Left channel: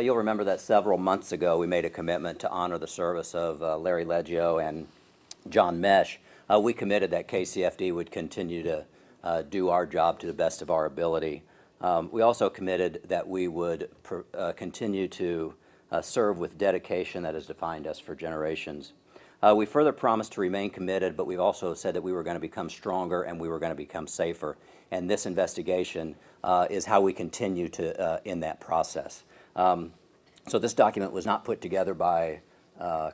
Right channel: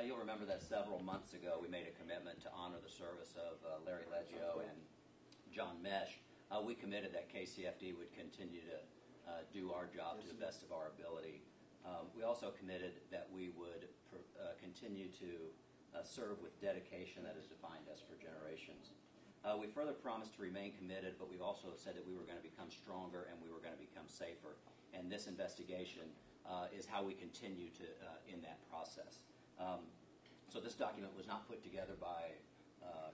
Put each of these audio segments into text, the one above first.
You'll remember that several months ago we made a commitment to honor the service of Larry Leggio and John Mesh. We committed that KCFD would continue to do our job to the best of our ability. We also committed that we would continue to serve with dedication that has defined us for generations. We further promised to remain committed, but we've also said that we were going to become stronger and we were going to become safer. And this investigation is how we continue to in that process. So this document was not put together by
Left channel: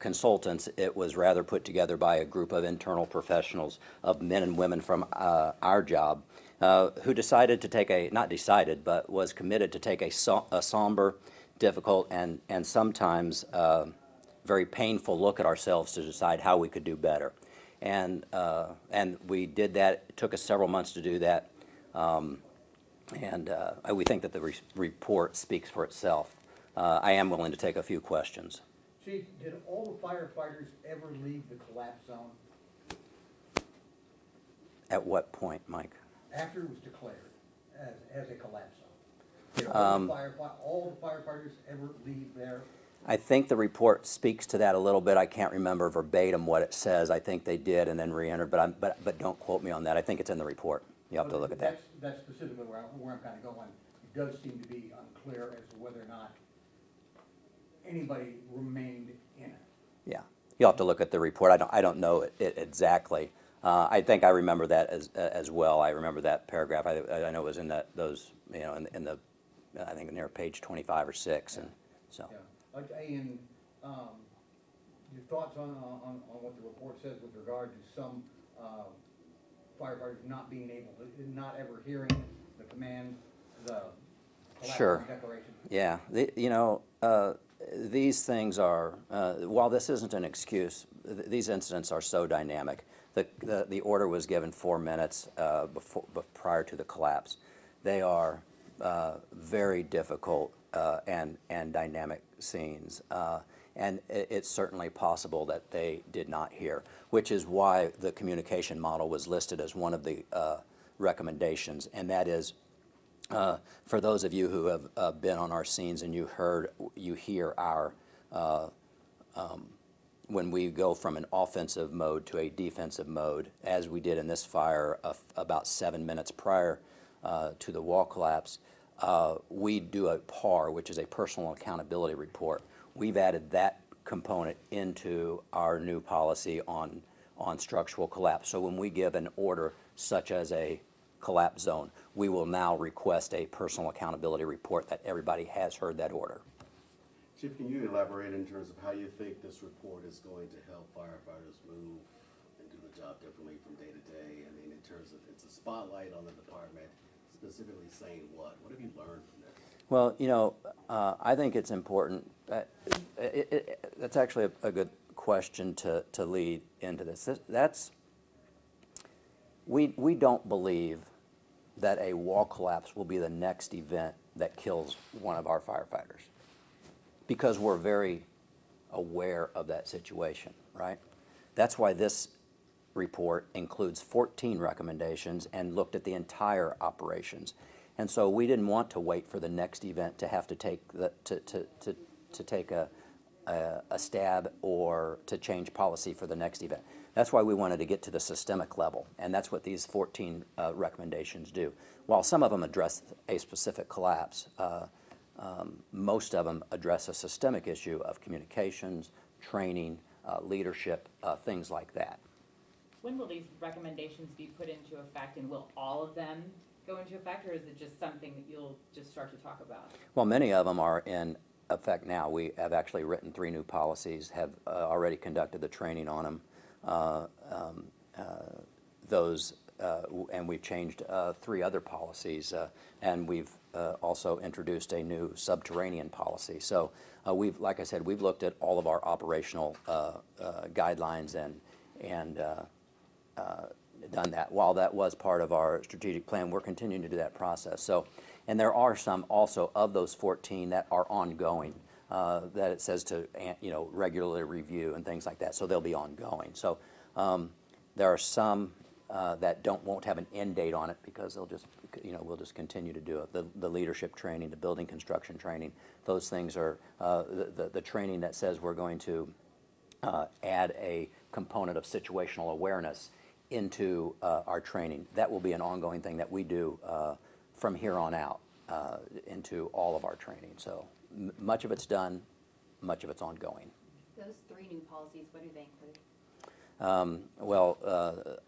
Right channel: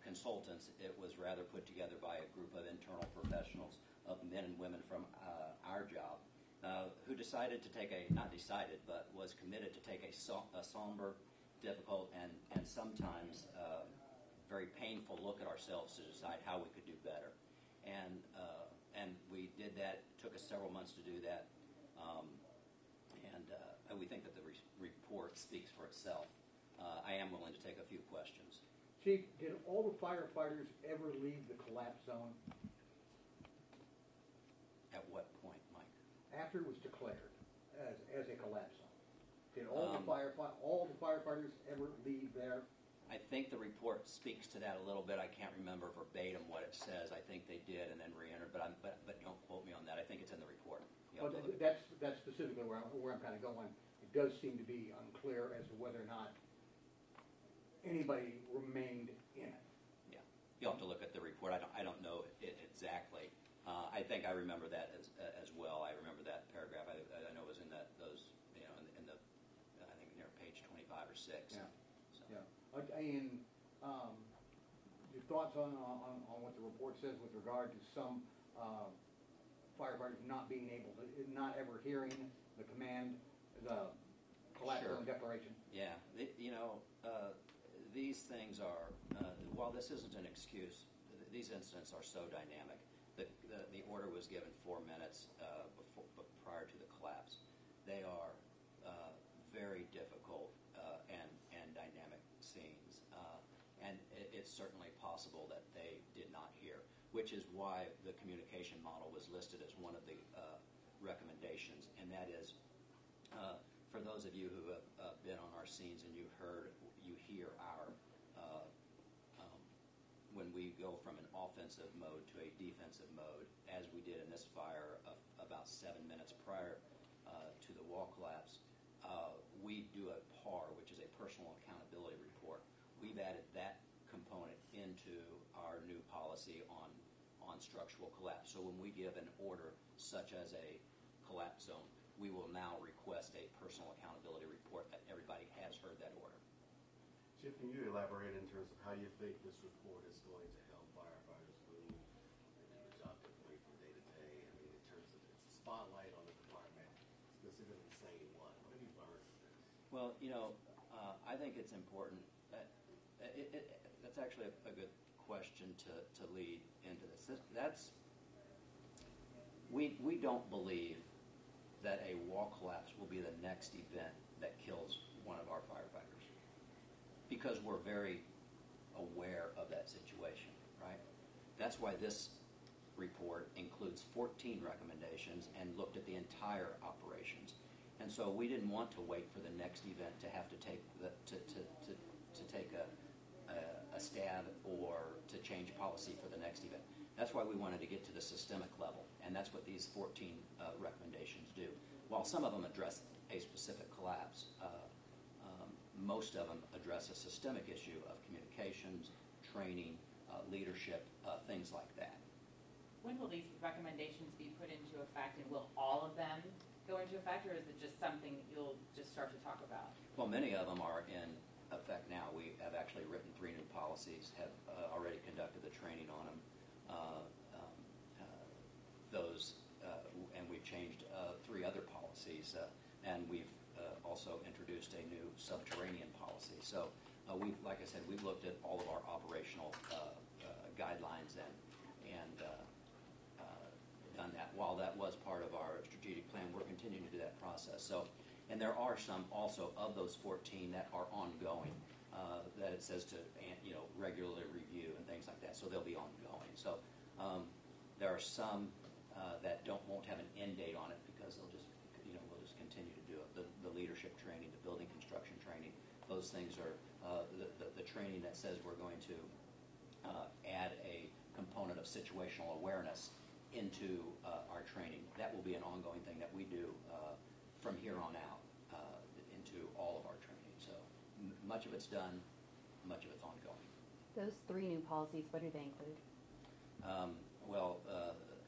consultants. It was rather put together by a group of internal professionals, of men and women from our job, who decided to take a, not decided, but was committed to take a somber, difficult, and sometimes very painful look at ourselves to decide how we could do better. And we did that. It took us several months to do that. We think that the report speaks for itself. I am willing to take a few questions. Chief, did all the firefighters ever leave the collapse zone? At what point, Mike? After it was declared as a collapse zone. Did all the firefighters ever leave there? I think the report speaks to that a little bit. I can't remember verbatim what it says. I think they did and then re-entered, but don't quote me on that. I think it's in the report. You have to look at that. That's specifically where I'm kind of going. It does seem to be unclear as to whether or not anybody remained in it. Yeah, you'll have to look at the report. I don't know it exactly. I think I remember that as well. I remember that paragraph. I know it was in those, you know, in the I think near page 25 or 6, yeah. And so. Yeah. Ian, your thoughts on what the report says with regard to some firefighters not being able to, not ever hearing the command, the collapse declaration? Yeah, you know, these things are, while this isn't an excuse, these incidents are so dynamic. The order was given 4 minutes prior to the collapse. They are very difficult and dynamic scenes. And it's certainly possible that they did not hear, which is why the communication model was listed as one of the recommendations. And that is, for those of you who have been on our scenes and you hear our, when we go from an offensive mode to a defensive mode, as we did in this fire about 7 minutes prior to the wall collapse, we do a PAR, which is a personal accountability report. We've added that component into our new policy on structural collapse. So when we give an order such as a collapse zone, we will now request a personal accountability report that everybody has heard that order. Chief, can you elaborate in terms of how you think this report is going to help firefighters move and do the job differently from day to day? I mean, in terms of, it's a spotlight on the department, specifically saying what? What have you learned from this? Well, you know, I think it's important. That's actually a good question to lead into this. We don't believe that a wall collapse will be the next event that kills one of our firefighters, because we're very aware of that situation, right? That's why this report includes 14 recommendations and looked at the entire operations. And so we didn't want to wait for the next event to have to take to take a stab or to change policy for the next event. That's why we wanted to get to the systemic level, and that's what these 14 recommendations do. While some of them address a specific collapse, most of them address a systemic issue of communications, training, leadership, things like that. When will these recommendations be put into effect, and will all of them go into effect, or is it just something that you'll just start to talk about? Well, many of them are in effect now. We have actually written 3 new policies, have already conducted the training on them. And we've changed 3 other policies, and we've also introduced a new subterranean policy. So like I said, we've looked at all of our operational guidelines and done that. While that was part of our strategic plan, we're continuing to do that process. So, and there are some also of those 14 that are ongoing, that it says to, you know, regularly review and things like that. So they'll be ongoing. So there are some that won't have an end date on it because they'll just we'll just continue to do it. The leadership training, the building construction training, those things are the training that says we're going to add a component of situational awareness into our training. That will be an ongoing thing that we do from here on out into all of our training. So much of it's done, much of it's ongoing. Those 3 new policies, what do they include?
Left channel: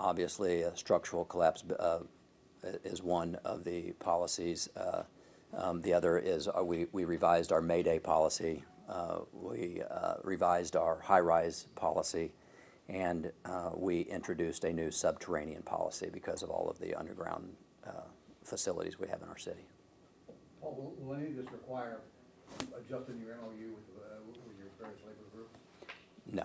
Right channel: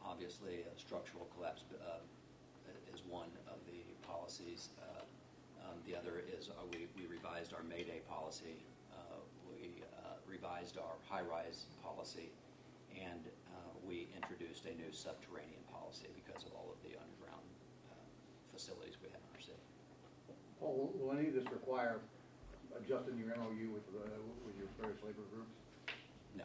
Obviously, structural collapse is one of the policies. The other is we revised our Mayday policy. We revised our high-rise policy, and we introduced a new subterranean policy because of all of the underground facilities we have in our city. Paul, will any of this require adjusting your MOU with your various labor groups? No.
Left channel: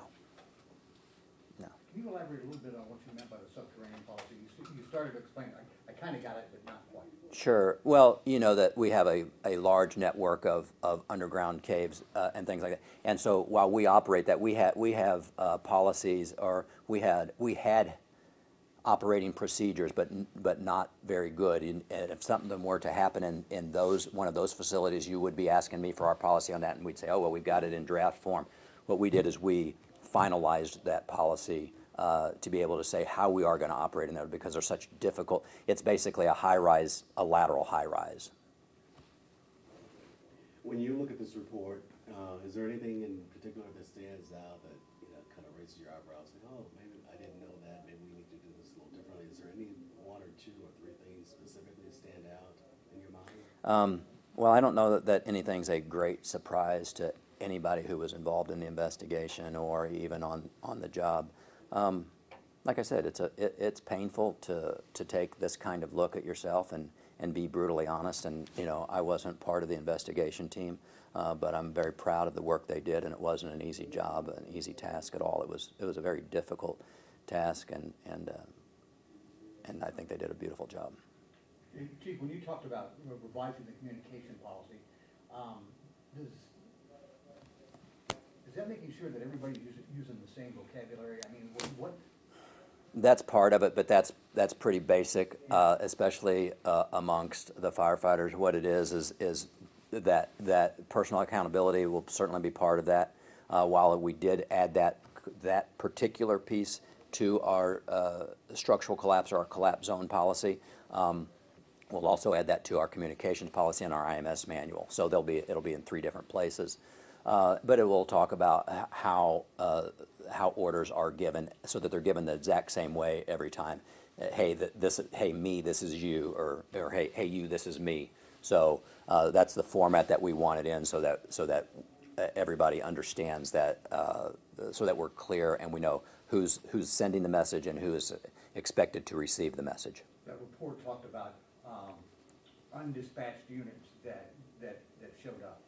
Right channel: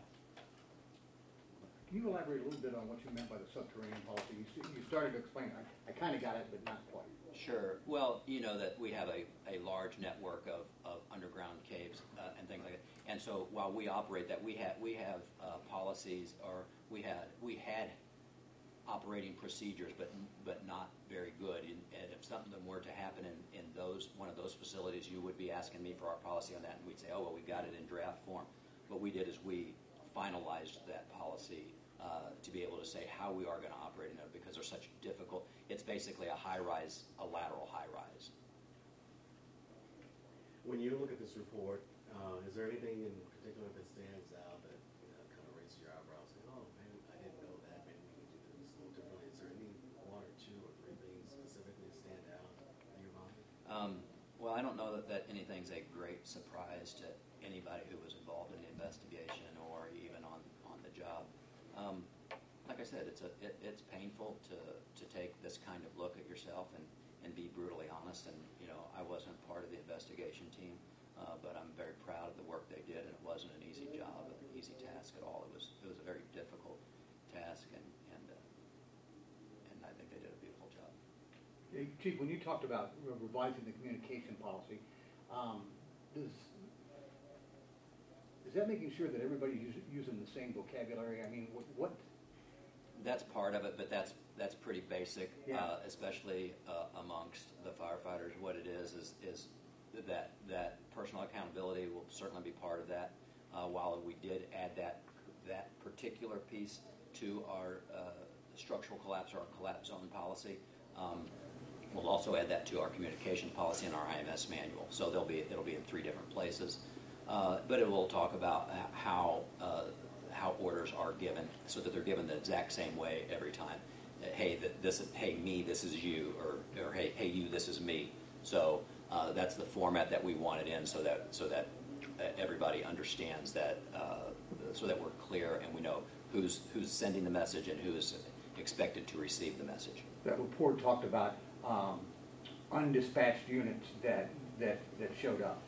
No. Can you elaborate a little bit on what you meant by the subterranean policy? You started to explain, I kind of got it, but not quite. Sure. Well, you know that we have a large network of underground caves and things like that. And so while we operate that, we have policies, or we had operating procedures, but not very good. And if something were to happen in one of those facilities, you would be asking me for our policy on that, and we'd say, oh, well, we've got it in draft form. What we did is we finalized that policy to be able to say how we are going to operate in there, because they're such difficult. It's basically a high-rise, a lateral high-rise. When you look at this report, is there anything in particular that stands out that kind of raises your eyebrows, saying, oh, maybe I didn't know that, maybe we need to do this a little differently? Is there any 1 or 2 or 3 things specifically stand out in your mind? Well, I don't know that anything's a great surprise to anybody who was involved in the investigation or even on the job. Like I said, it's painful to take this kind of look at yourself and be brutally honest. And I wasn't part of the investigation team, but I'm very proud of the work they did, and it wasn't an easy job, an easy task at all. It was a very difficult task, and I think they did a beautiful job. Chief, when you talked about revising the communication policy, is that making sure that everybody's using the same vocabulary? I mean, what? That's part of it, but that's pretty basic, especially amongst the firefighters. What it is that personal accountability will certainly be part of that. While we did add that particular piece to our structural collapse or our collapse zone policy, we'll also add that to our communications policy and our IMS manual. So it'll be in 3 different places. But it will talk about how orders are given, so that they're given the exact same way every time. Hey, hey me, this is you, or hey you, this is me. So that's the format that we want it in, so that everybody understands that, so that we're clear and we know who's sending the message and who is expected to receive the message. That report talked about undispatched units that showed up.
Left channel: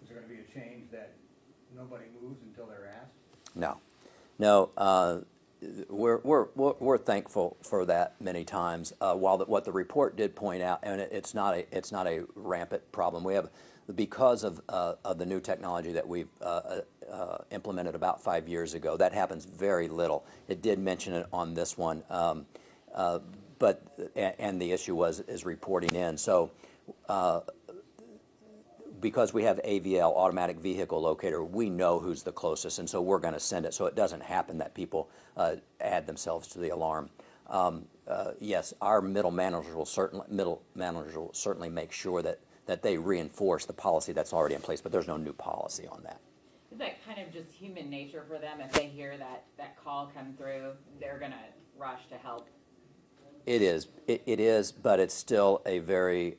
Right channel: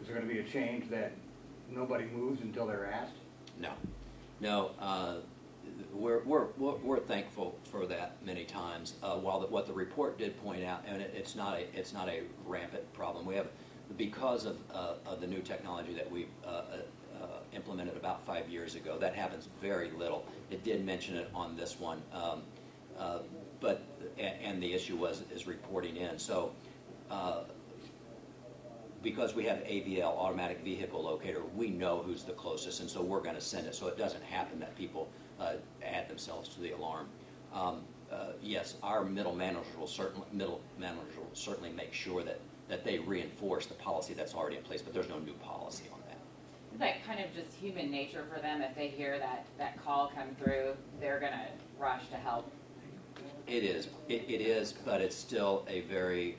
Is there going to be a change that nobody moves until they're asked? No. We're thankful for that many times. While what the report did point out, and it's not a rampant problem. We have, because of the new technology that we've implemented about 5 years ago. That happens very little. It did mention it on this one, but the issue is reporting in. So. Because we have AVL, automatic vehicle locator, we know who's the closest, and so we're going to send it. So it doesn't happen that people add themselves to the alarm. Yes, our middle manager will certainly make sure that they reinforce the policy that's already in place, but there's no new policy on that. Is that kind of just human nature for them? If they hear that call come through, they're going to rush to help? It is. It is, but it's still a very,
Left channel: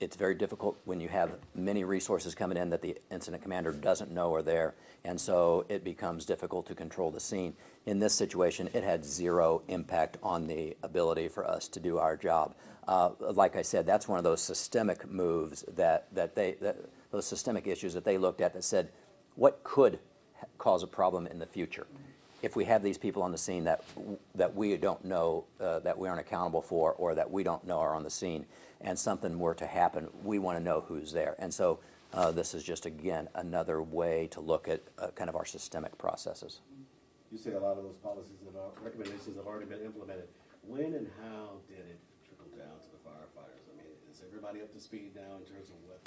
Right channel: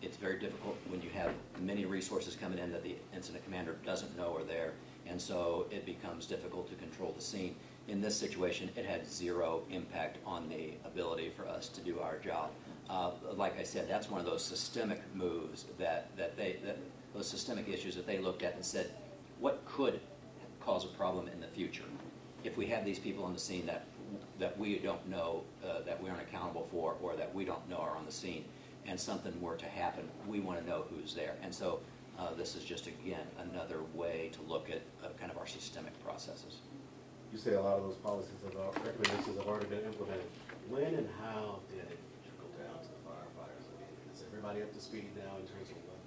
it's very difficult when you have many resources coming in that the incident commander doesn't know are there, and so it becomes difficult to control the scene. In this situation, it had 0 impact on the ability for us to do our job. Like I said, that's one of those systemic moves those systemic issues that they looked at and said, what could cause a problem in the future? If we have these people on the scene that we don't know, that we aren't accountable for, or that we don't know are on the scene, and something were to happen, we want to know who's there. And so this is just, again, another way to look at kind of our systemic processes. You say a lot of those recommendations have already been implemented. When and how did it trickle down to the everybody up to speed now in terms of what?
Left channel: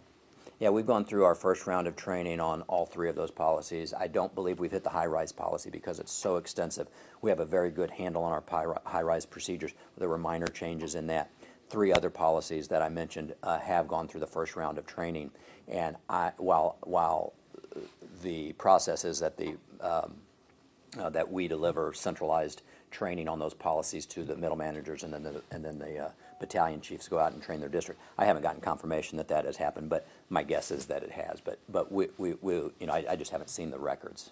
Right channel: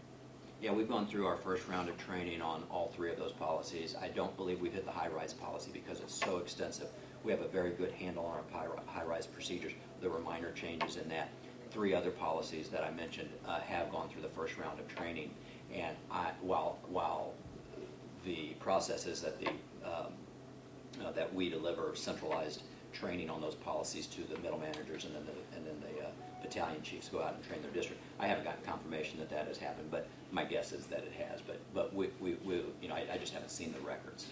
Yeah, we've gone through our first round of training on all three of those policies. I don't believe we've hit the high-rise policy because it's so extensive. We have a very good handle on our high-rise procedures. There were minor changes in that. 3 other policies that I mentioned have gone through the first round of training. And while the process is that that we deliver centralized training on those policies to the middle managers, and then the battalion chiefs go out and train their district. I haven't gotten confirmation that that has happened, but my guess is that it has. But we you know, I just haven't seen the records.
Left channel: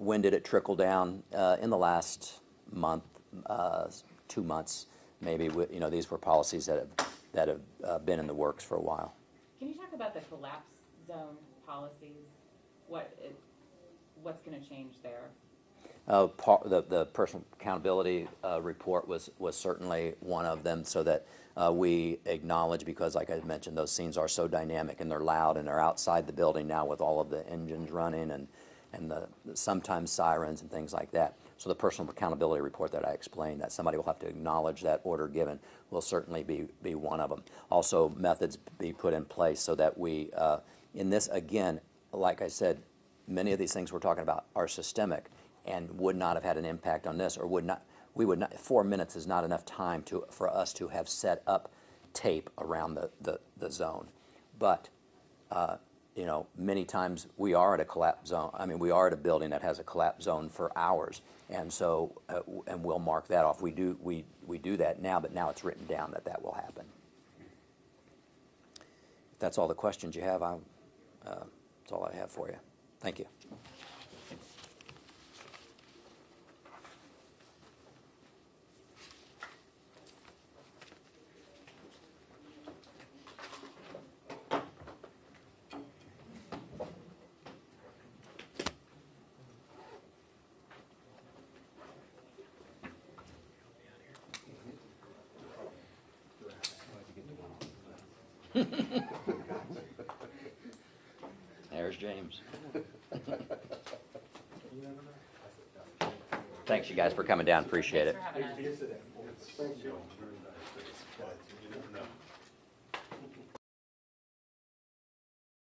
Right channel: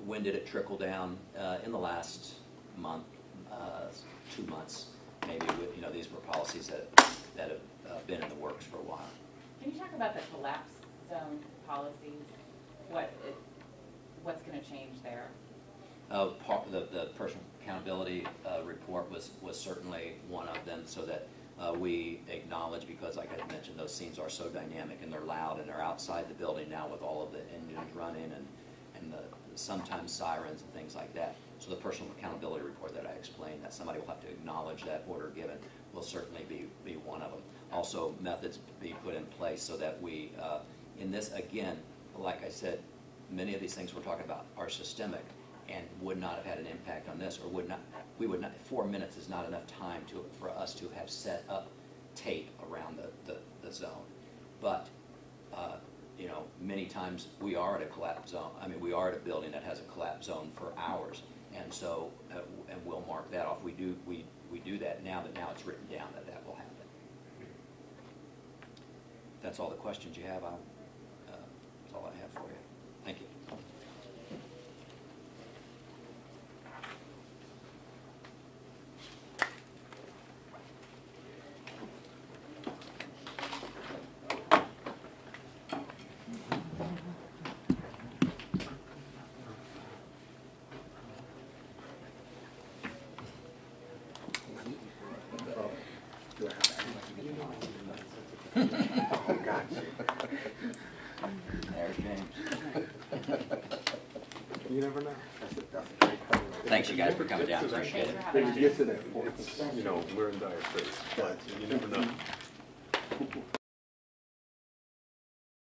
When did it trickle down? In the last month, 2 months, maybe. You know, these were policies that have been in the works for a while. Can you talk about the collapse zone policies? What's going to change there? The personal accountability report was certainly one of them, so that we acknowledge, because like I mentioned, those scenes are so dynamic and they're loud and they're outside the building now with all of the engines running and sometimes sirens and things like that. So the personal accountability report that I explained, that somebody will have to acknowledge that order given, will certainly be one of them. Also, methods be put in place so that we, in this, again, like I said, many of these things we're talking about are systemic and would not have had an impact on this, or we would not, 4 minutes is not enough time for us to have set up tape around the zone. But, you know, many times we are at a collapse zone. I mean, we are at a building that has a collapse zone for hours, and so, and we'll mark that off. We do that now, but now it's written down that will happen. If that's all the questions you have, that's all I have for you. Thank you. There's James. You never know. Thanks, you guys, for coming down. Appreciate it. When you get to that point, you know, we're in dire straits, but you never know.